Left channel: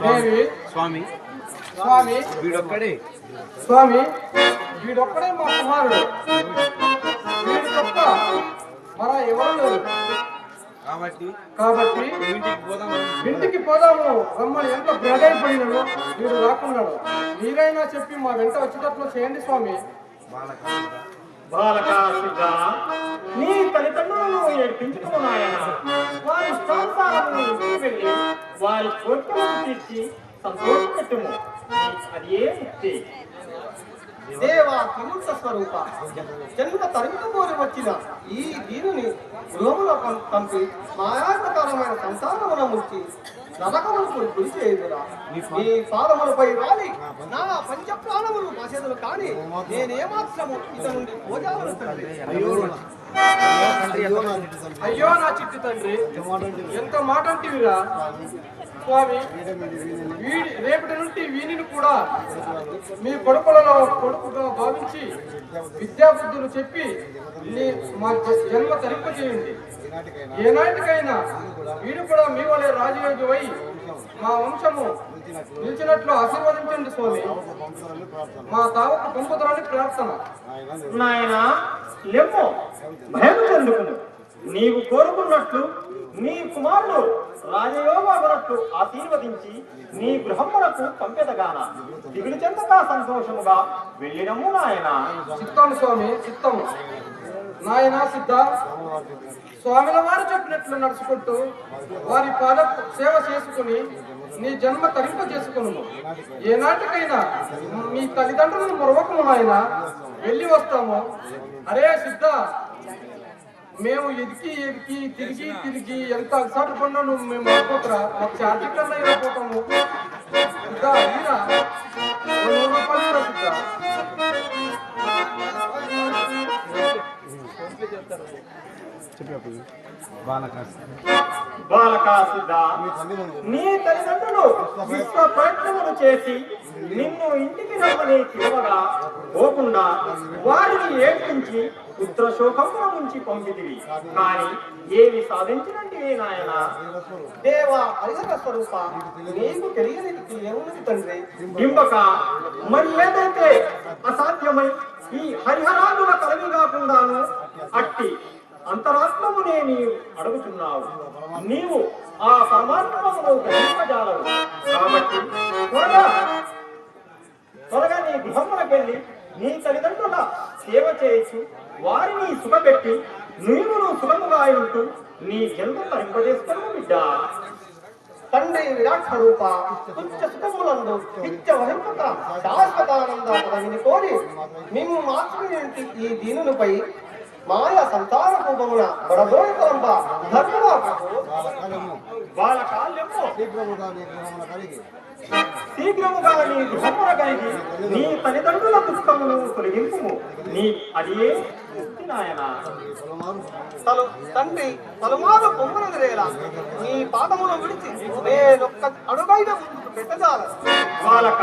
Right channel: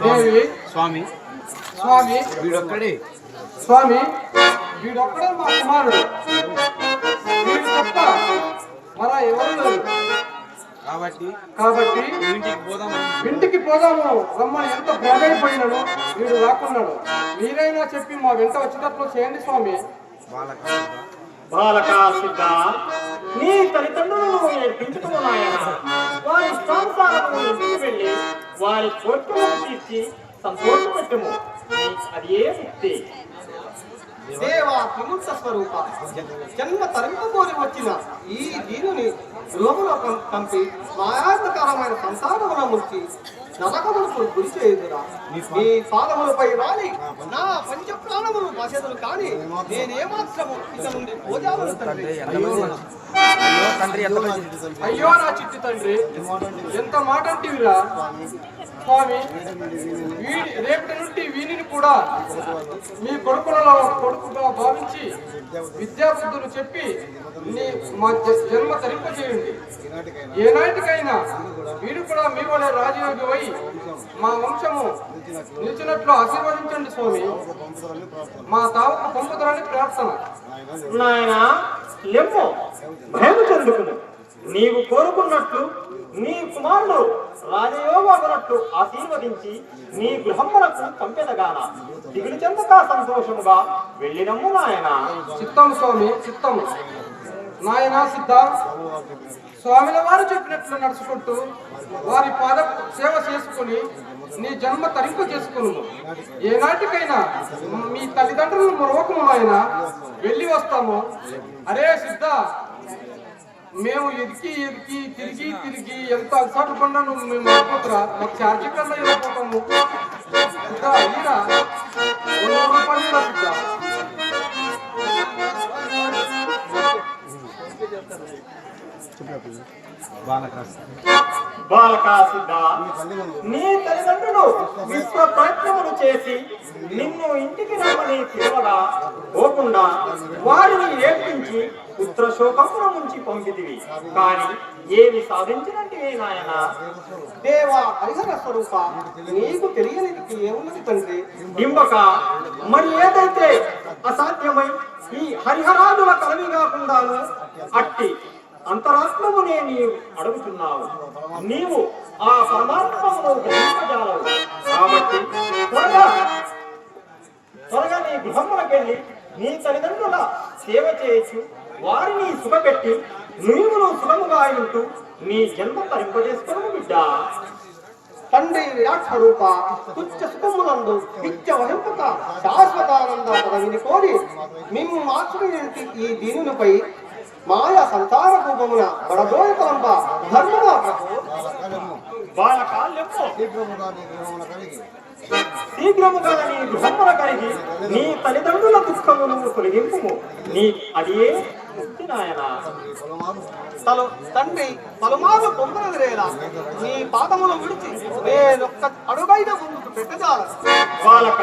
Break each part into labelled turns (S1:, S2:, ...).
S1: దేవి
S2: స్వామి.
S1: స్వామి.
S2: వీడొక్కడే.
S1: స్వామి. వీడొక్కడే మా కుమారుడు. వీడు తప్ప మన ఎవరు.
S2: కాబట్టి
S1: కాబట్టి
S2: ఇంటికి పోదాం
S1: ఇంటికి పోదాము. రమ్మని ఎంత బ్రదైపోయినను వీడు రాకున్నాడు. మీరైనా చెప్పి మా వెంట వచ్చేటట్లు చేయండి స్వామి.
S2: బాలక
S3: బాలక సిద్ధ నీ తల్లిదండ్రులను ఏడ్పించుకుని వారి సంసారాలను వెళ్ళి వారి కోరికలను తీర్చి సంతోషపెట్టుము. అది ఏ ముక్తి?
S4: దేవా విముక్త స్వరూప జన్మ తరింపబోరి వచ్చిన ఈ దీనిని గృహములో పంపి సంసారమున ముంచి నరకములకు గురి చేయుదురా. నీ పాదములపై వాలి నా పంచ ప్రాణములు బాసెదులు కానీ నేనేమాత్రము ఇత నుండి పోజాలను తండ్రి.
S1: అయ్యో నా చిట్టి తండ్రి. ఎంత మాట అంటివిరా? స్వామి వీడి రేపటి నుండి వీనిని కూడా మీ కొడుకులలో కొడుకుగా భావించి విద్యాబుద్ధులు చెప్పి నీ మా జన్మ తరింపజేయండి. ఏనాటికైనా వీడు కూడా మీ వలె రాజయోగి మా వంశము నిలిచినట్లు ఆశీర్వదించండి స్వామి. మా తావకు పంపుదరని ప్రార్థన.
S3: నాయన భయం చెందుకును నీవు కోరుకున్నట్లు నీ కుమారుడు రాజయోగనట్లు ఆశీర్వదించి నీ గృహములకు పంపెదగాన. దిగులు చెందక సంతోషముగా వెళ్ళినము నాయన.
S1: చిత్తం స్వామి చిత్తము. నాయన సిద్ధ. స్వామిల వారు చెప్పినట్లు నడుచుకుంటూ వారి పాద సేవ చేసుకుని నీ జన్మ తరింప చేసుకును. ఏనాటికైనా మీ తల్లిదండ్రులను మరొకము ఆయన వెళ్ళి వస్తాము? అరే సిద్ధ మేము ఎదికి ఎదికి తిరిగి తిరిగి ఎంత అలసాటు పడినా నువ్వు మేము అయిపోతురా. మాకు ఛార్జీ కన్నా అయిపోతాము. సిద్ధ అయినా సిద్ధ.
S3: నీ తల్లిదండ్రులు విశ్వ ప్రయత్నములు చేసి నిన్ను ఇంటికి రమ్మని పిలవగా పోకుండా వారిని ఏడ్పించి పుత్ర శోకముల నుంచి పొంగిదివి కానీ ఏమి సాధించినట్టువే నాయన
S4: దేవా పరిసర స్వరూప నీకు తెలియనిది ఏమున్నది తండ్రి
S3: బింబక మరి ఏదైతే అసాధ్యమై ఈ హరిహరాదుల కలవి కాకుండాను అట్టి అంతరాత్మమునే నీవు అడుగుతున్నావు. నీవు ఆ పరమాత్మను గ్రహింపజాలవు. కాబట్టి త్వరగా త్వరగా నీ గృహములకెళ్ళి నీ తల్లిదండ్రుల సేవ చేయొచ్చు వారిని సుఖపెట్టి నీవును సుఖముగా ఉంటూ నీ జన్మ తరింపజేసుకుని బిడ్డ.
S4: తండ్రి విరాట్ స్వరూప తుచ్చ సుఖములందు నిత్య వహింపక శాశ్వతానంద పదవిని కోరి మేము మాతృంటి ఈ దీనులపై మాయ సంతాన రూపమున బడదోయ కలంబ ధర్మగా ప్రభు?
S3: బాలకాలెమ్మో
S2: శీఘ్రముగా నీ గృహమున కలిగి.
S3: శీఘ్రముగా నీ గృహమున కలిగి నీ తల్లిదండ్రుల దుఃఖమును తొలగింపు నీ అదే ముక్తి నాయన.
S4: తలు తండ్రి పలుమారు పొమ్మనదిరేలా నీ పాదములు విడిచి నేనొక్క అడుగైన ముందుకు పెట్టజాల
S3: బాలక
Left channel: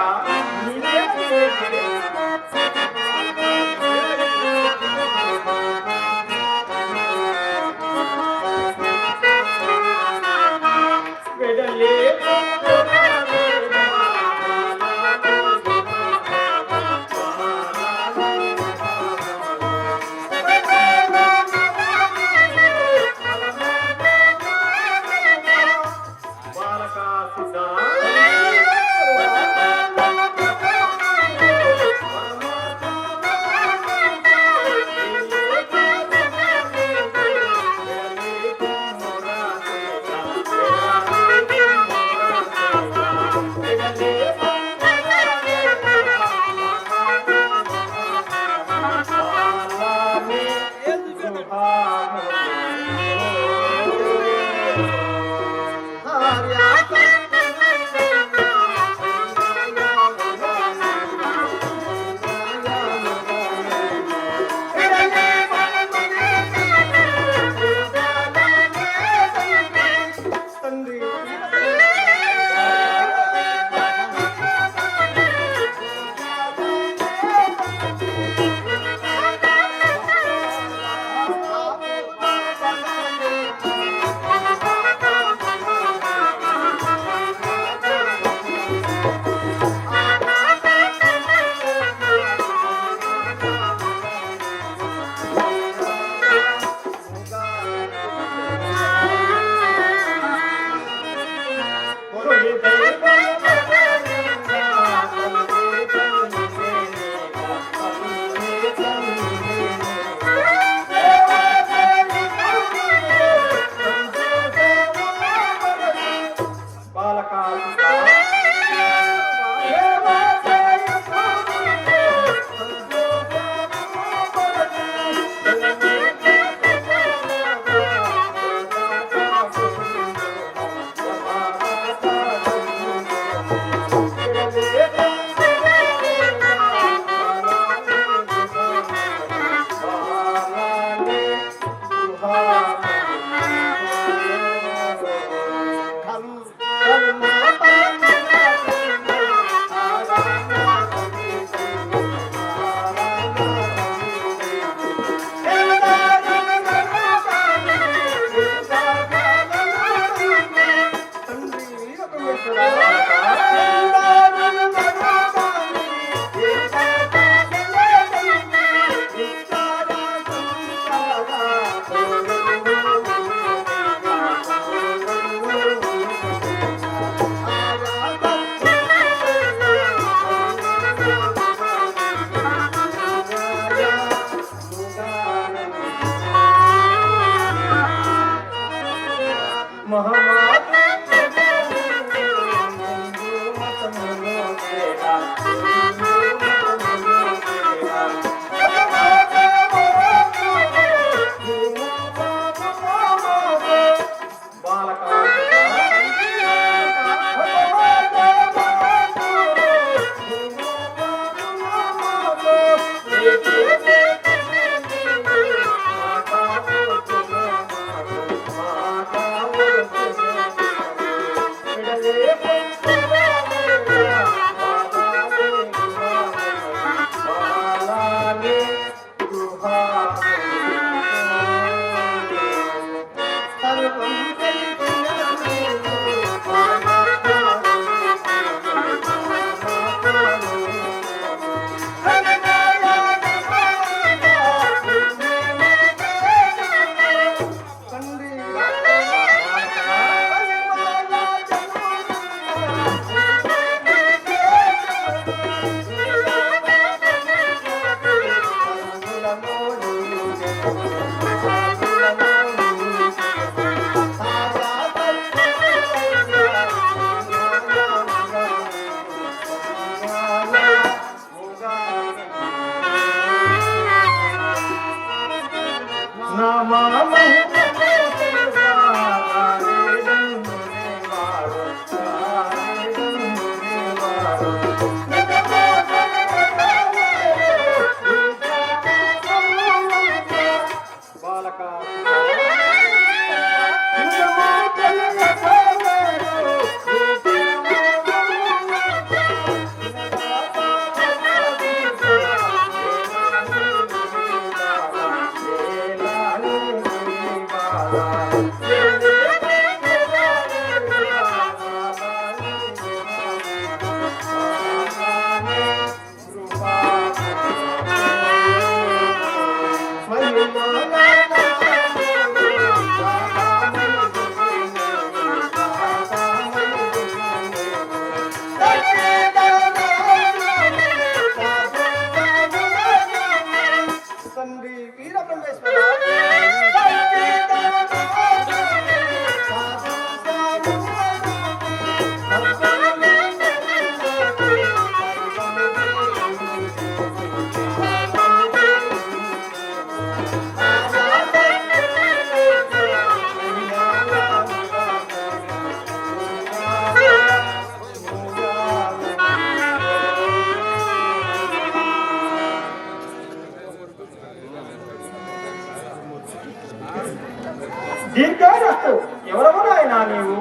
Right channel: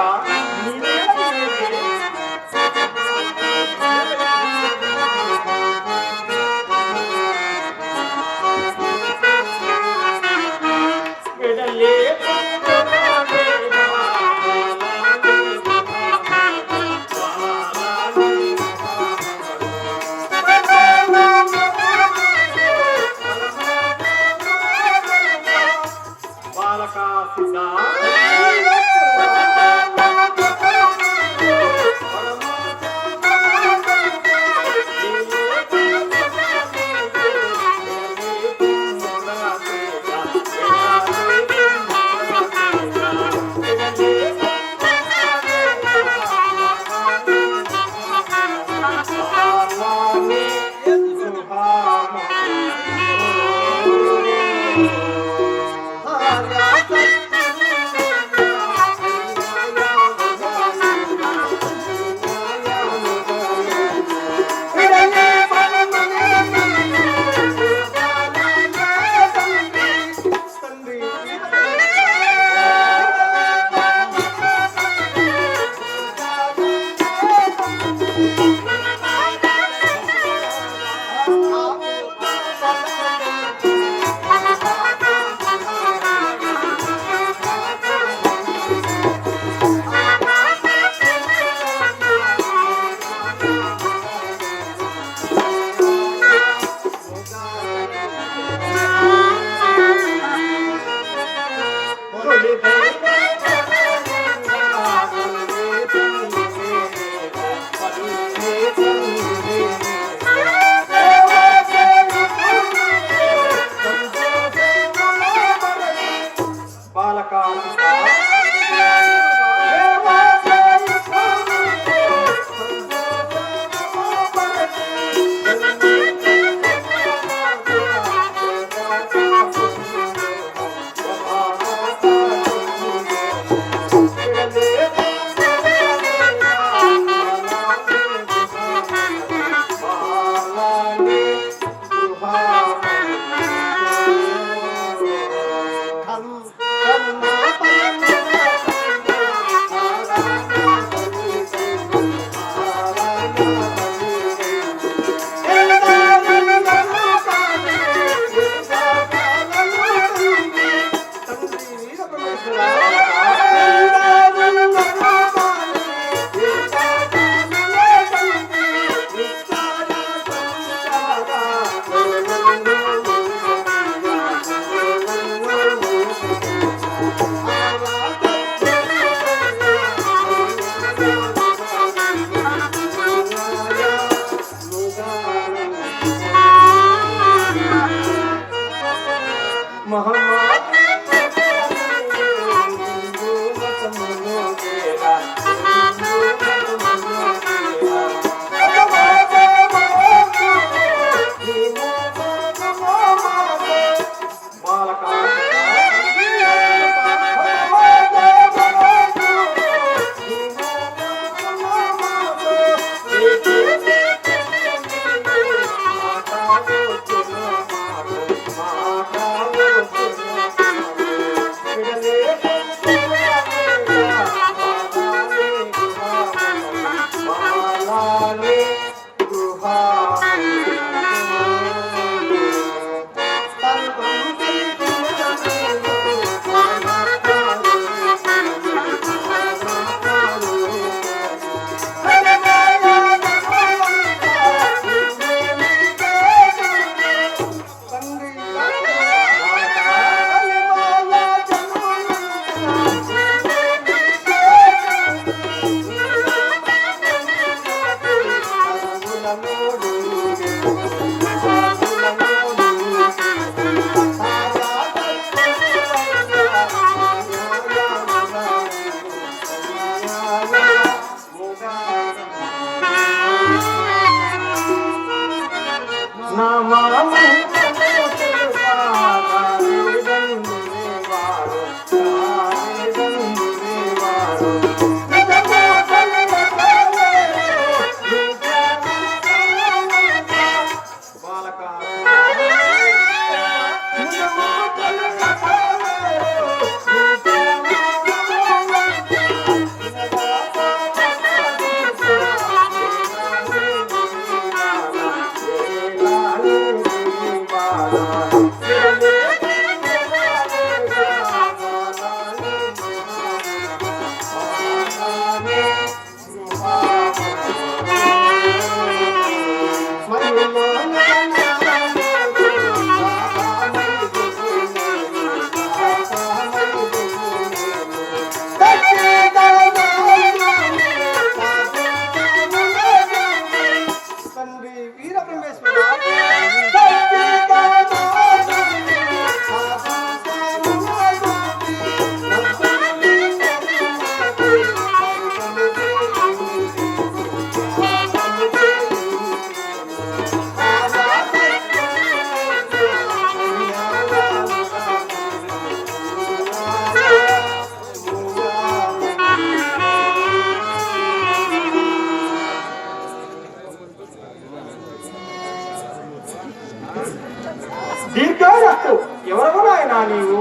S2: దీర్ఘాయస్సు ఎవరవు నాయన
S3: నీవు?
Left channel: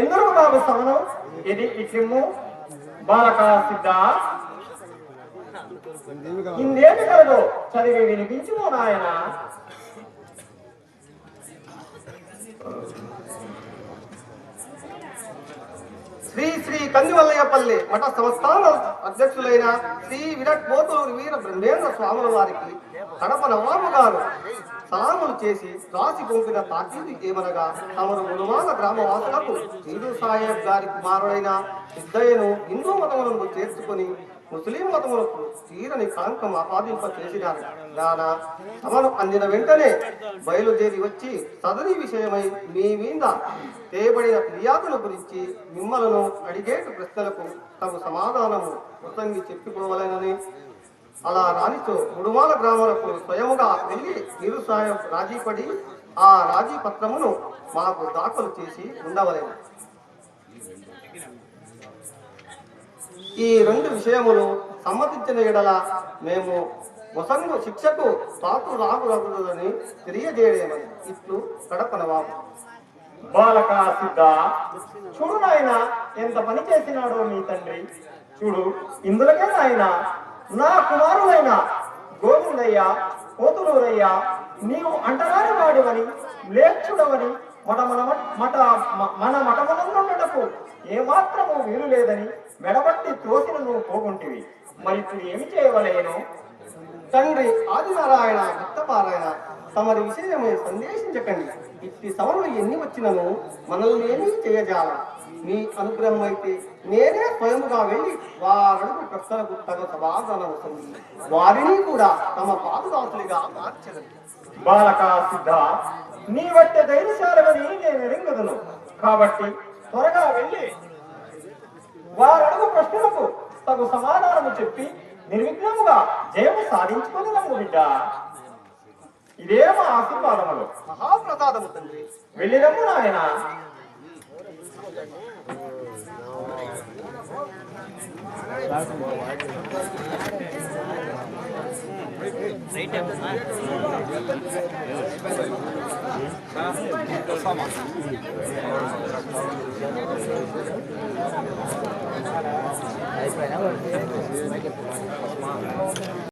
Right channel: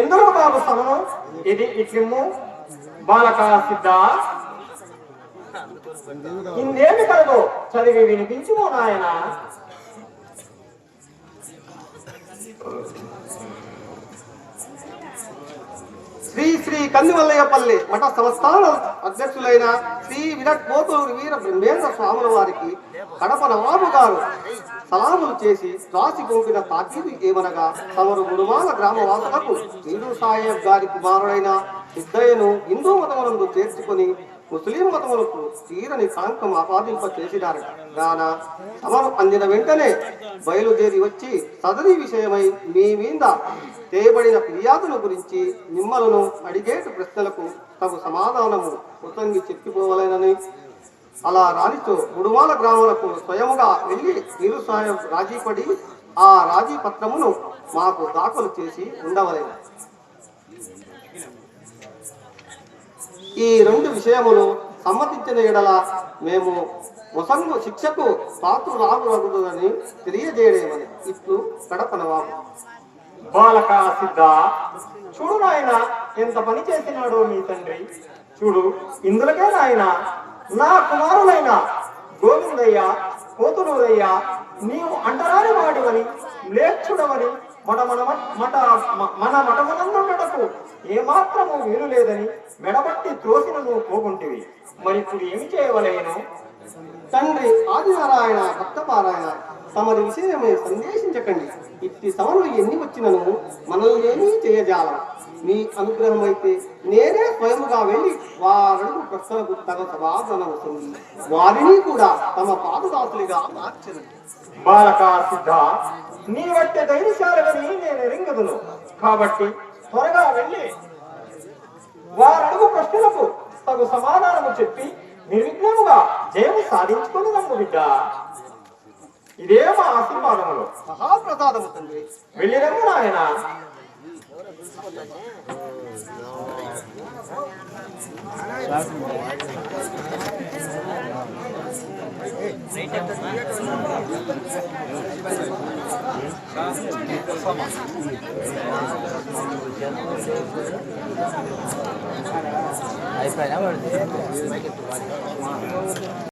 S3: ఎందుకు నాకు స్థానం ఇది ఇట్లిమ్ము బాలక సిద్ధ.
S2: ఇందేమి
S3: కలదు చదివి వినిపించుము నాయన.
S4: శ్రీ శ్రీ కందివల్లయ్యపల్లి మఠ సంస్థాన అధ్యక్షులైన శ్రీ విరాట్ పోతూరు వీర బ్రహ్మేంద్ర స్వాముల వారికి కడప నవాబు గారు సలాములు చేసి రాసి పంపిన తాకీదు ఏమనగా తమరు గురుమాల గ్రామవాసులకు హిందూ సాహెబ్ గారి కుమారుడైన సిద్ధయ్యను హిందూ మతమునందు చేర్చుకొని ముస్లిం మతములకు తీరని కాంకం ఆపాదింప చేసినారు గాన తమను అందిన వెంటనే బయలుదేరి వచ్చి సదరి విషయమై మీ మీద చేయబడిన ఫిర్యాదుల గురించి మిమ్మలను అడిగేట ప్రశ్నలకు తమ సమాధానము కృతంగి చెప్పుకోవాలని అలా రాణితో గుడుమాల గ్రామాలకు స్వయముగా వెళ్ళి నిరుసాయం రాజీపడి ఆ రాజీ పత్రమును మాకు దాఖలు చేసి ఉండవలేను. ఈ రెండు విషయములు సమ్మతించిన ఎడల మేము వసంగు శిక్షకు పాత్రురాగురగుదని తెలియజేయడేమని ఇట్లు కడప నవాబు
S3: బాలక సిద్ధ చూడు నాయన ఎంత పని చేసినాడో మీ తండ్రి. చూడు ఇందులకే నాయన నా కుమారులైన గోవిందయ్య కోతులూరయ్య నీవు అంటరాని వాడివని లేచుడవని మన మన మట మన మఠమనందుటకు ఏమాత్రము వీలు లేదని మెడబట్టి త్రోసిన నువ్వు పోకుంటివి మరి ఇప్పుడు ఏమి చేయవలేను?
S4: తండ్రి ఆదినారాయణ భక్తపారాయణ తమరు విషయమై సందేశించకండి. ఇట్టి సవలు ఎన్ని వచ్చినను మనల్ని ఏమీ చేయజాల మీ అనుగ్రహం అయితే నేనే స్వయముగా వెళ్ళి వారడుగు ప్రశ్నలకు తన సమాధానం వస్తుంది వారిని కూడా తమ పాదదాసులుగా మార్చదు
S3: బాలక సిద్ధ నీ వట్టే ధైర్యశాలమని నేను ఎరింగదును కాబట్టి త్వరగా వెళ్ళి వారడుగు ప్రశ్నలకు తగు సమాధానము చెప్పి నిర్విఘ్నముగా జయము సాధించుకుని నమ్ము బిడ్డ. ఇదే మా ఆశీర్వాదములు.
S4: మహాప్రసాదము తండ్రి.
S3: వెళ్ళిరమ్ము నాయన.
S1: Ahí bailamos,